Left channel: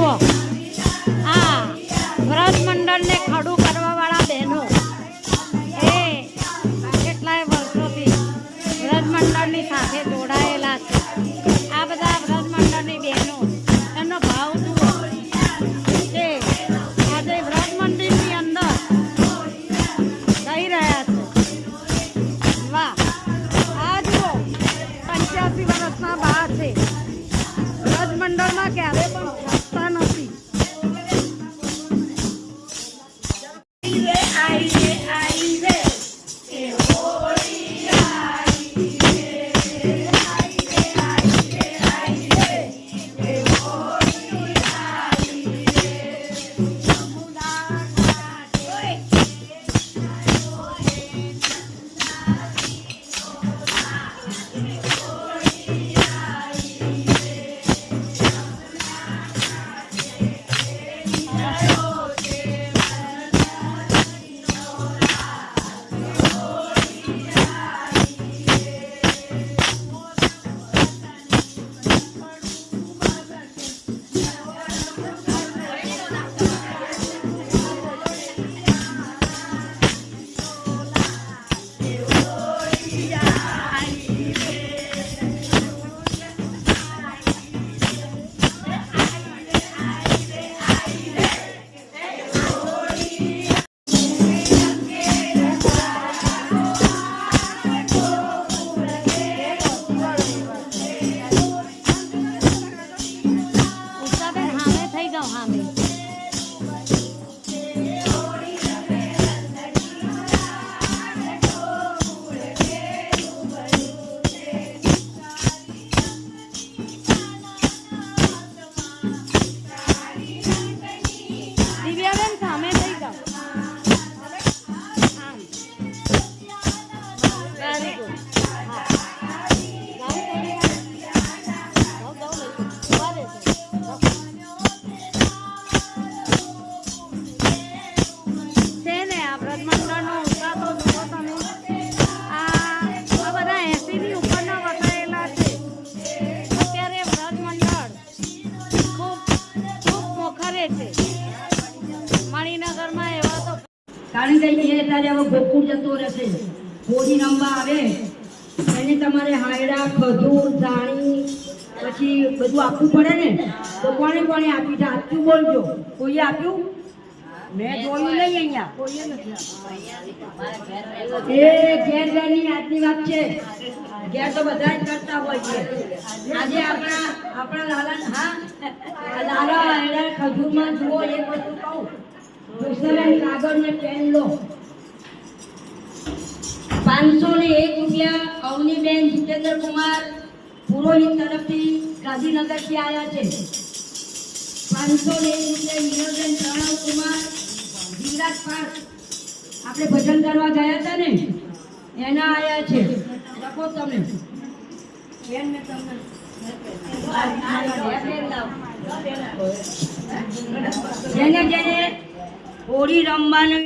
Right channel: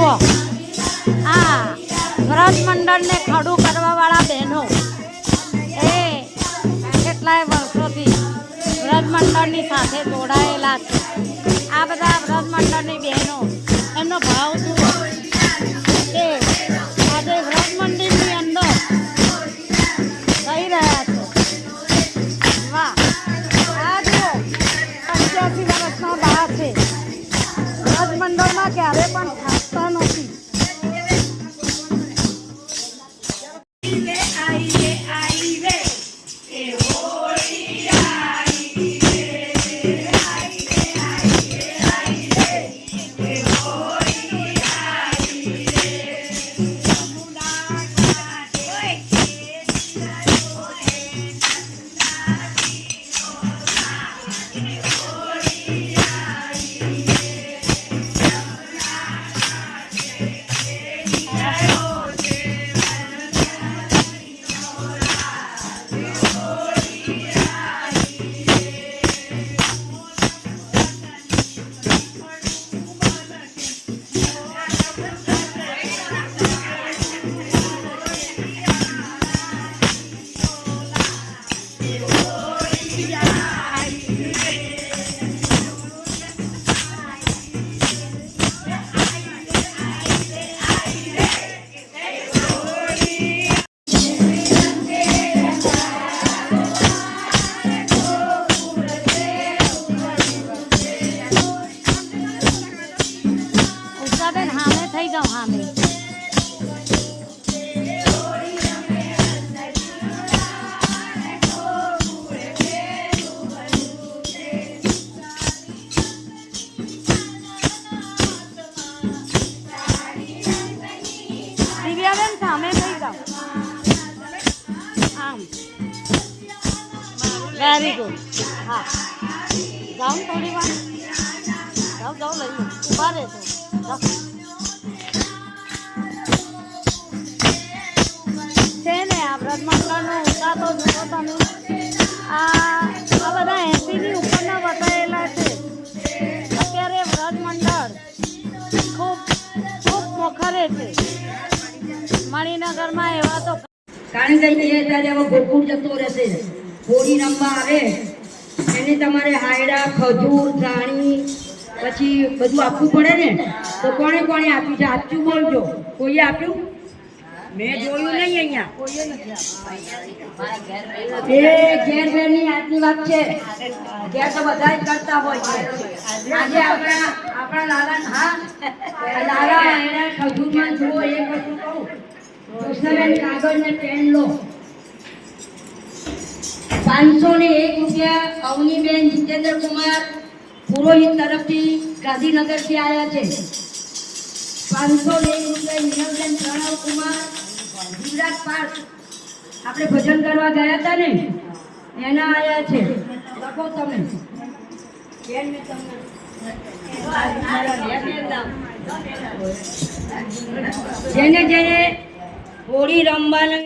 જુઓ આ વ્રત મંડળને ખડું કરવાવાળા બહેનો એ કેટલાય વર્ષોથી વ્રત મંડળની સાથે જોડાયેલા છે. આ બધા વ્રત મંડળની બહેનો એમનો ભાવ જુઓ કે આજે વ્રત મંદિરની અંદર જઈ રહ્યા છે. વાહ, આ જુઓ 85 વર્ષના બા છે. વ્રત મંડળમાં ક્યારે પણ થાકતા નથી. Very good. હા, જાઉં થોડી વાર. જાઉં લઈ ઉભા રહેજો. છે ને આ વ્રત મંડળનો ઉત્સાહ તો જુઓ તમે. આ બધા 80ની ઉપરના બતાવેલા છે. અત્યારે વ્રત મંડળ ખૂબ મોખરે છે. મણિનગરમાં એવા તો કારણ કે ત્યારે હવે ગોકુળ જતો રહેશે. હોળી રમવા આવે એની તમારે હાયડા, ખજૂર, ધાણી પછી બધું આપવું પડે ને. તો કોણે આપ્યું છે? સાચું બોલજો. કોઈએ આપ્યું? મેં જોયું નહીં. અહીંયા કોઈએ નથી આપ્યું. એ ઘેરની આજની વાત છે. ઘેર તો બધા જ કરતા હોય છે. આજે આપણા લાલા, હા લાલા હાયડા ખજૂરમાં જુઓ. એક વસ્તુ કહું, કાગળ ને પેન લો. 501 રૂપિયા અવનીબેન જીતેન્દ્ર કુમાર પુરોહિત તરફથી ગાંધીનગરથી આવ્યા છે. 501 રૂપિયા હિરલબેન પ્રણવ કુમાર ગુજરાત પાર્ક આપણે ભજન કરવા ગયા હતા ને એના આવ્યા છે. લખો તમે. જેને હોળી રમવાનું